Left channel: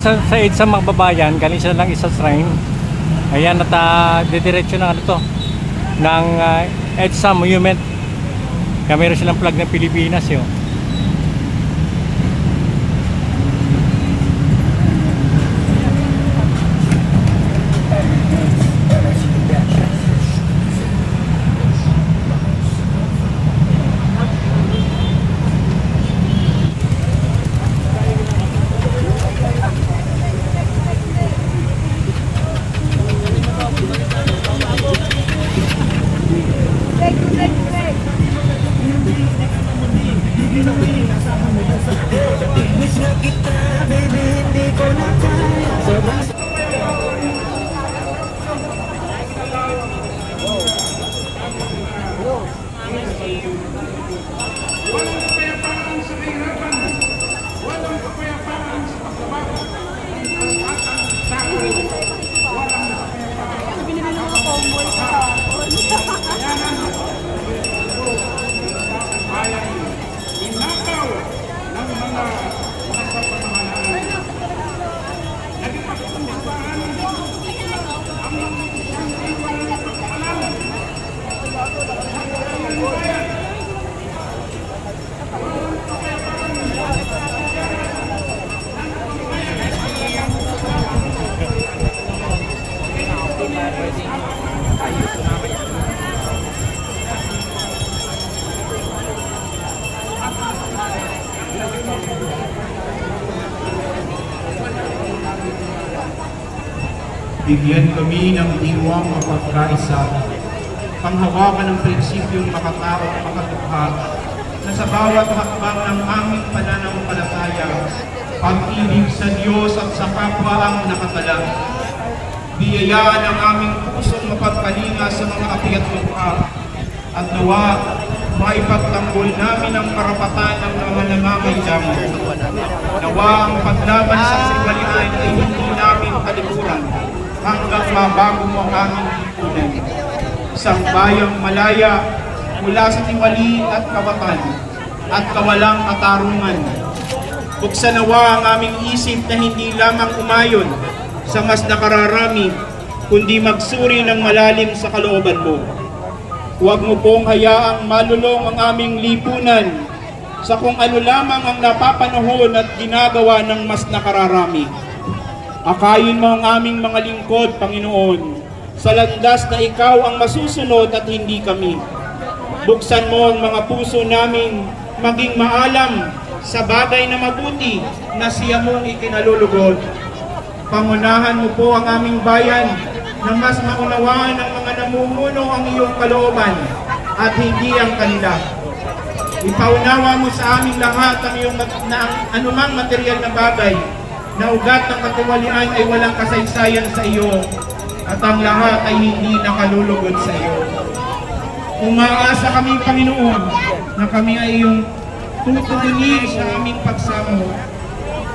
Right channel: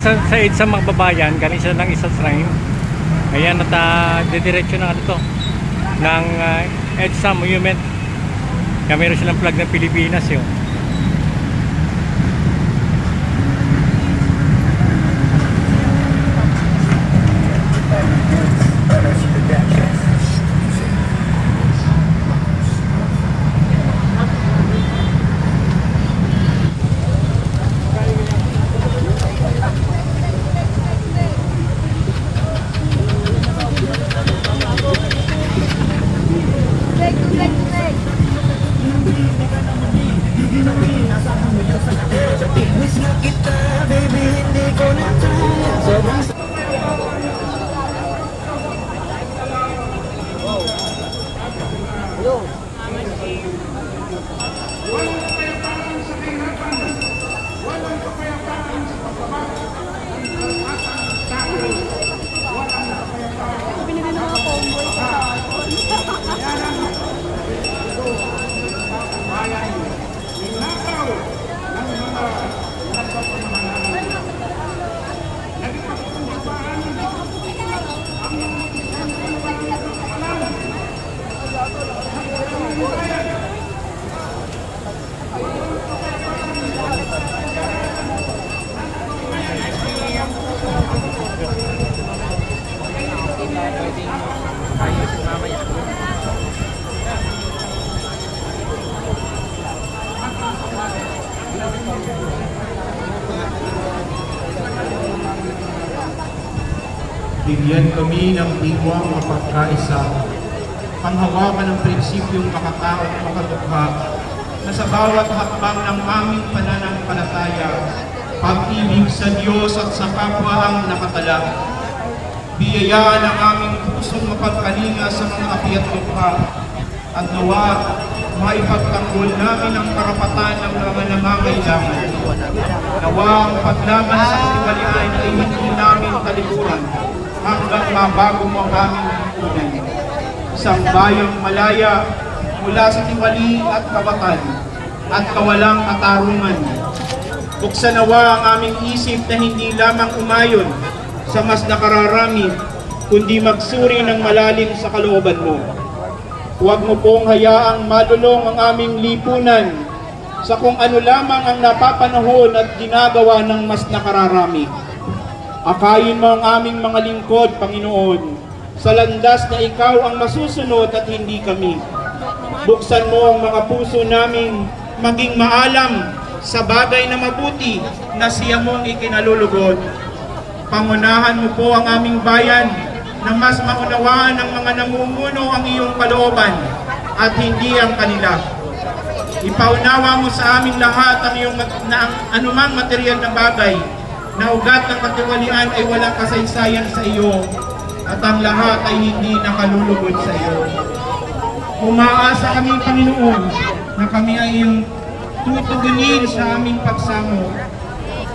Sa EDSA mga babayan, galing sila ng isang shrine. Ayan, at didiretso ng ano to, ng EDSA Monument. Kaya meron silang flag ng Pilipinas eh. Bigyan kami ng diwang mapagkaisa, panghawakan ng prinsipyong makatao at makatukha, na sa bawat hakbang ng aming pananampalataya, pag-ibig sa Diyos at sa kapwa ang nakatala. Biyayaan ang aming pusong mapagkalinga sa mga api at lukha, at nawa maipagtanggol namin ang karapatan ng mga nangangailangan. Nawa ang paglaban sa kasalian ay hindi namin kalikutan hanggang mabago mo ang aming lipunan. Isang bayang malaya mula sa tiwali at kawatan at kawalang katarungan. Buksan nawa ang aming isip na hindi lamang umayon sa mas nakararami, kundi magsuri ng malalim sa kalooban mo. Huwag mo pong hayaang malulong ang aming lipunan sa kung ano lamang ang napapanahon at ginagawa ng mas nakararami. Akayin mo ang aming mga lingkod, Panginoon, sa landas na ikaw ang masusunod at hindi kami. Buksan mo ang mga puso namin maging maalam sa bagay na mabuti na siya mong ikinalulugod. Pangunahan mo po ang aming bayan na mas maunawaan ng mga namumuno ang iyong kalooban at hindi ang kanila. Ipaunawa mo sa amin lahat ang iyong anumang material na bagay na ugat ng katiwalian ay walang kasaysayan sa iyo at ang lahat ay hindi nakalulugod sa iyo. Umaasa kami, Panginoon, na kami ay iyong tutugunin sa aming pagsamo,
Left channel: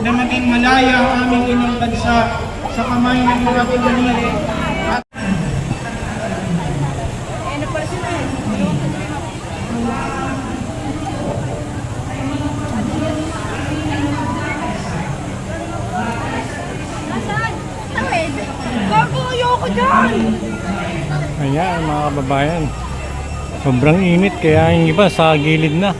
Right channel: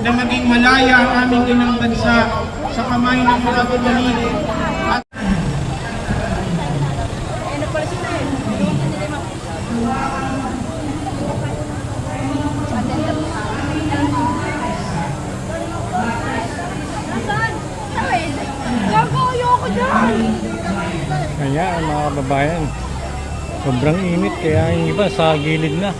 na maging malaya ang aming inang bansa sa kamay ng mga katiwalian. Ayan mga kababayan, sobrang init kaya yung iba sa gilid na.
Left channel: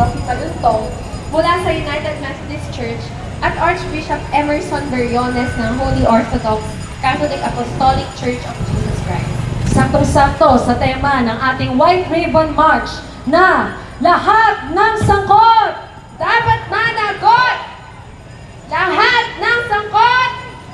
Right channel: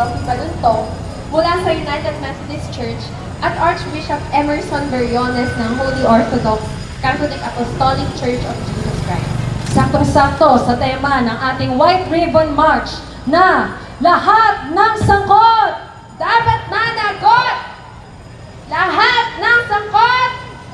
Joffrey Caluntong mula sa United Methodist Church at Archbishop Emerson Beriones ng Holy Orthodox Catholic Apostolic Church of Jesus Christ. Saktong-sakto sa tema ng ating White Ribbon March na lahat ng sangkot dapat managot! Lahat ng sangkot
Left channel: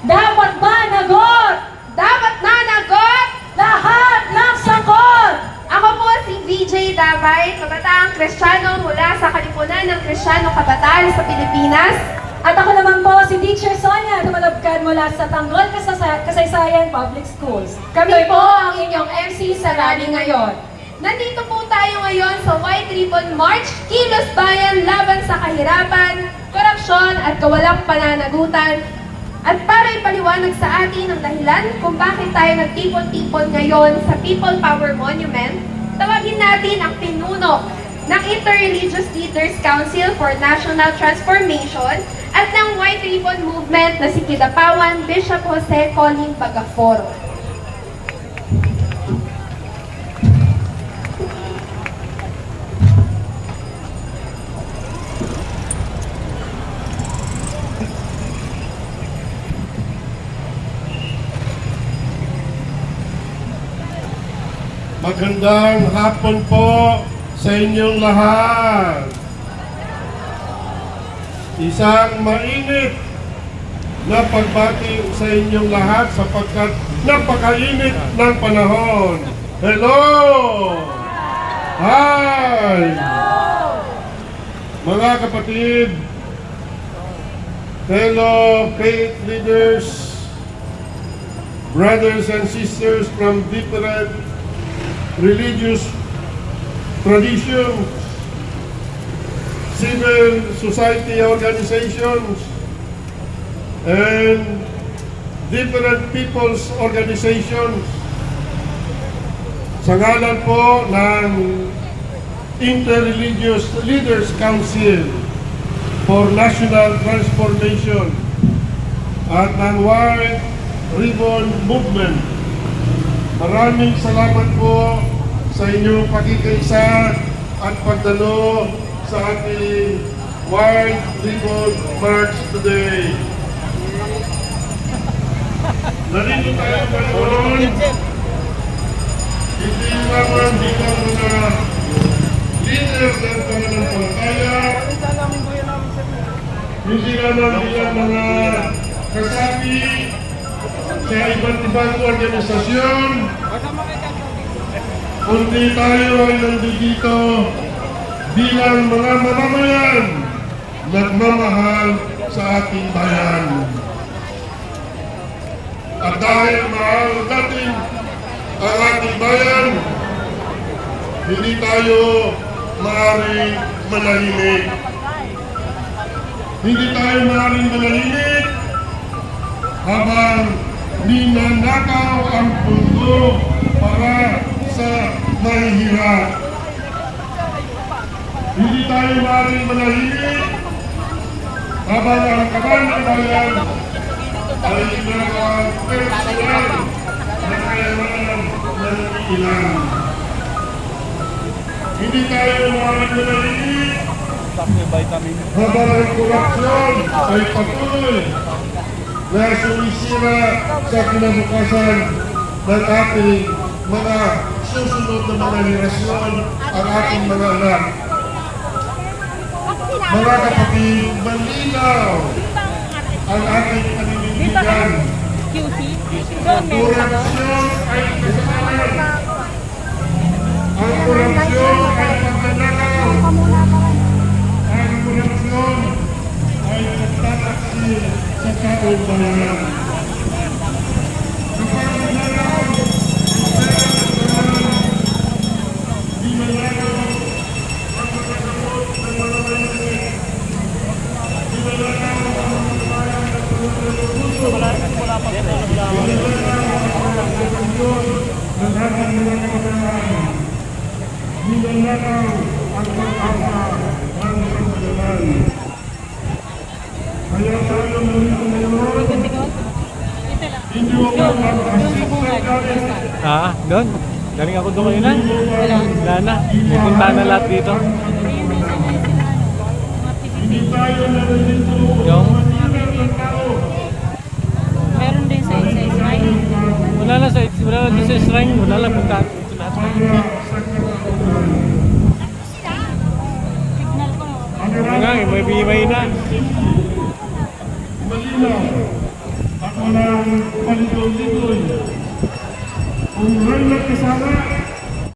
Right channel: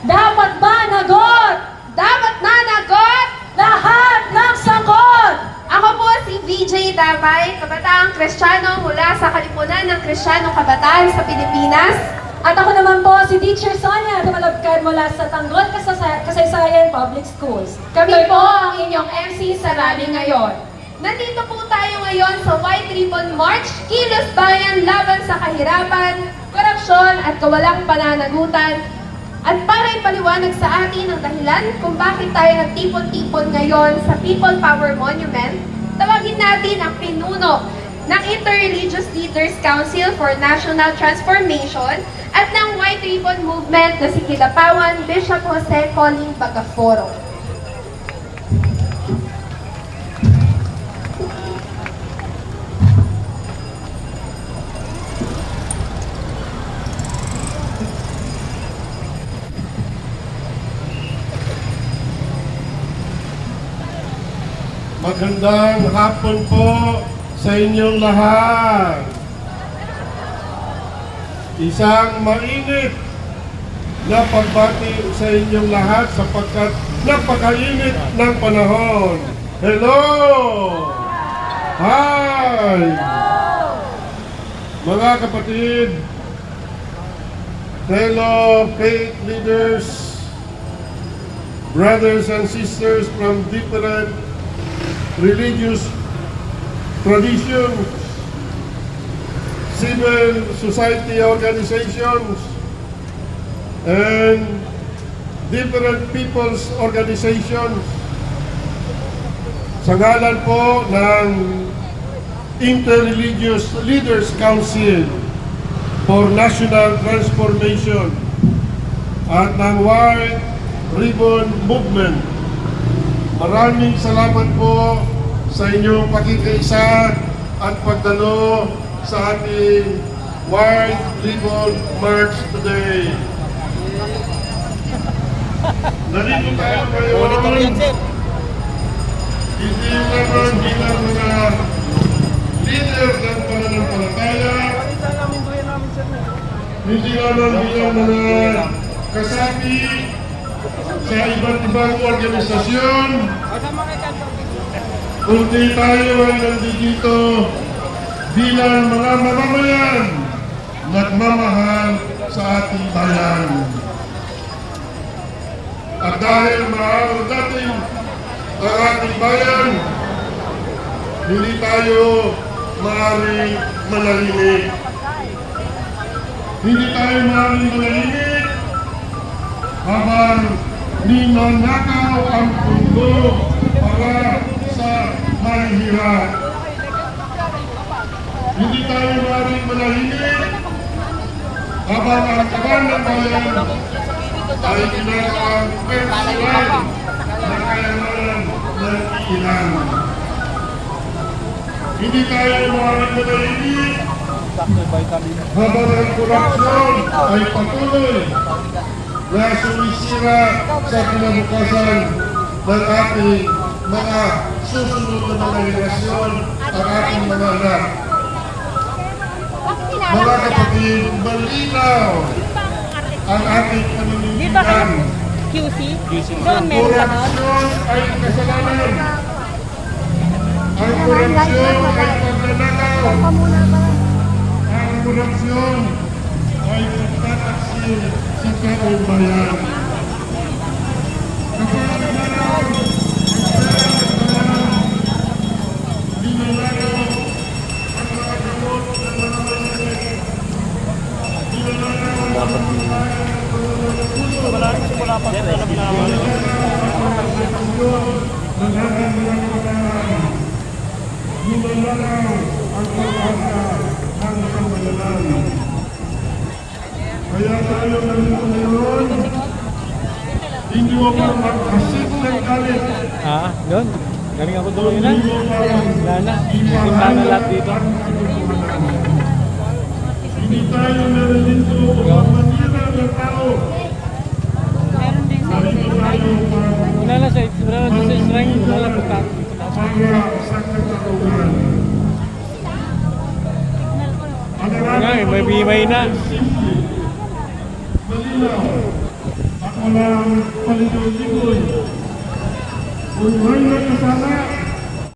dapat managot! Dapat managot! Lahat ng sangkot! Ako po si VJ Damay, kabataang Kristiyano mula sa Kalipunan ng Kristiyano Kabataan sa Pilipinas. At ako naman po si Teacher Sonia, tumalabkad mula sa Tanggol Kasaysayan Public Schools. Kami po ang inyong MC sa rally ngayon. Nandito po tayo ngayon sa White Ribbon March, Kilos Bayan laban sa kahirapan, korupsyon at kawalang pananagutan. At para ipaliwanag sa atin ang dahilan kung bakit tayo nagtipon-tipon ngayon sa People Power Monument, tawagin natin ang pinuno ng Interreligious Leaders Council for National Transformation at ng White Ribbon Movement na si Kidapawan Bishop Jose Colin Bagaforo. Magandang hapon po sa inyong lahat. Isang mainit na pagbati sa inyong lahat sapagkat napakainit ng panahon. Hello! Hi! Mga kapatid, fellow faith leaders, brothers and sisters from different religious traditions, civil society organizations, and different people's organizations. Sa ngalan po ng Interreligious Leaders Council for National Transformation at ng White Ribbon Movement, maraming salamat po sa inyong pakikaisa at pagdalo sa ating White Ribbon March today. Narito tayo ngayon, hindi naman bilang mga leader ng pananampalataya, hindi naman bilang mga kasapi sa iba't ibang organisasyon, kundi tayo ay nandito bilang mga mamamayan nagmamahal sa ating bayan. At dahil mahal natin ang ating bayan, hindi tayo maaaring manahimik. Hindi tayo maaaring manahimik habang ninanakaw ang pundo para sa mahihirap. Hindi tayo maaaring manahimik habang ang kaban ng bayan ay ginagawang personal na kayamanan ng ilan. Hindi tayo maaaring manahimik habang ang korupsyon ay patuloy na sumisira sa kinabukasan ng ating mga susunod na mga henerasyon ang ating mga anak. Mga kapatid, malinaw ang ating paninindigan. Korupsyon ay kasalanan. Ang korupsyon ay pagnanakaw. Ang korupsyon ay nagtataksil sa taong bayan. Ninanakaw ang pag-asa ng sambayanan. Kaya tayo nandito ngayon, hindi mo pa magkasip ng galit. Doon. Galing ako doon na. Wala na. Pupunta na lahat dito. Hindi tayo narinig ko Yung? manira ng tao. Meron din sa isa-isa. Wala na sa shrine, wala na punta. Para sa katauhan. Nga, may bimay na. Malinaw. Ako lang paligoy-ligoy. Kung may kasama,